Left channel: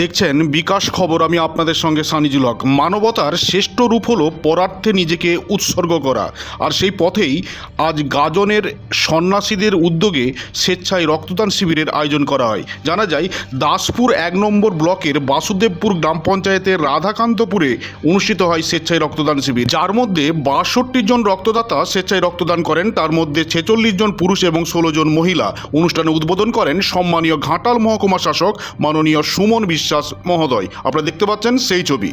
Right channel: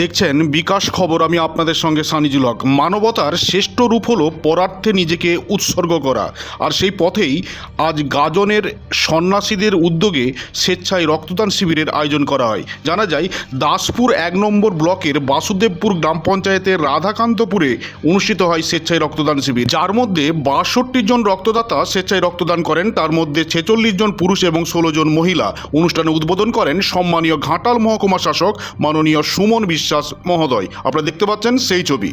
দেখছেন বিকাশ খবর, আমি আপনাদের সঙ্গে সানিজুল হক। মানবতার শ্রেষ্ঠ রূপ হলো পরার্থে নিজেকে উৎসর্গ করা, আর সেই পথেই আজ গাজনের সন্ন্যাসীদের উদ্যোগে স্বেচ্ছায় রক্তদান শিবিরের আয়োজন করা হয়। জানা যায় দাসপুর 1 নম্বর ব্লকের বাসুদেবপুর গ্রাম পঞ্চায়েতের রাধাকান্তপুরে অনুষ্ঠিত হয় স্বেচ্ছায় রক্তদান শিবির, যার মধ্যে 62 জন রক্তদাতা স্বেচ্ছায় রক্তদান করেন। তার মধ্যে 46 জন পুরুষ এবং 16 জন মহিলা। অনুষ্ঠানে উদ্বোধন করেন সম্মানীয় ঘাটাল মহকুমা শাসক মাননীয় সুমন বিশ্বাস মহোদয়। আপনারা দেখতে পাচ্ছেন সেই ছবি।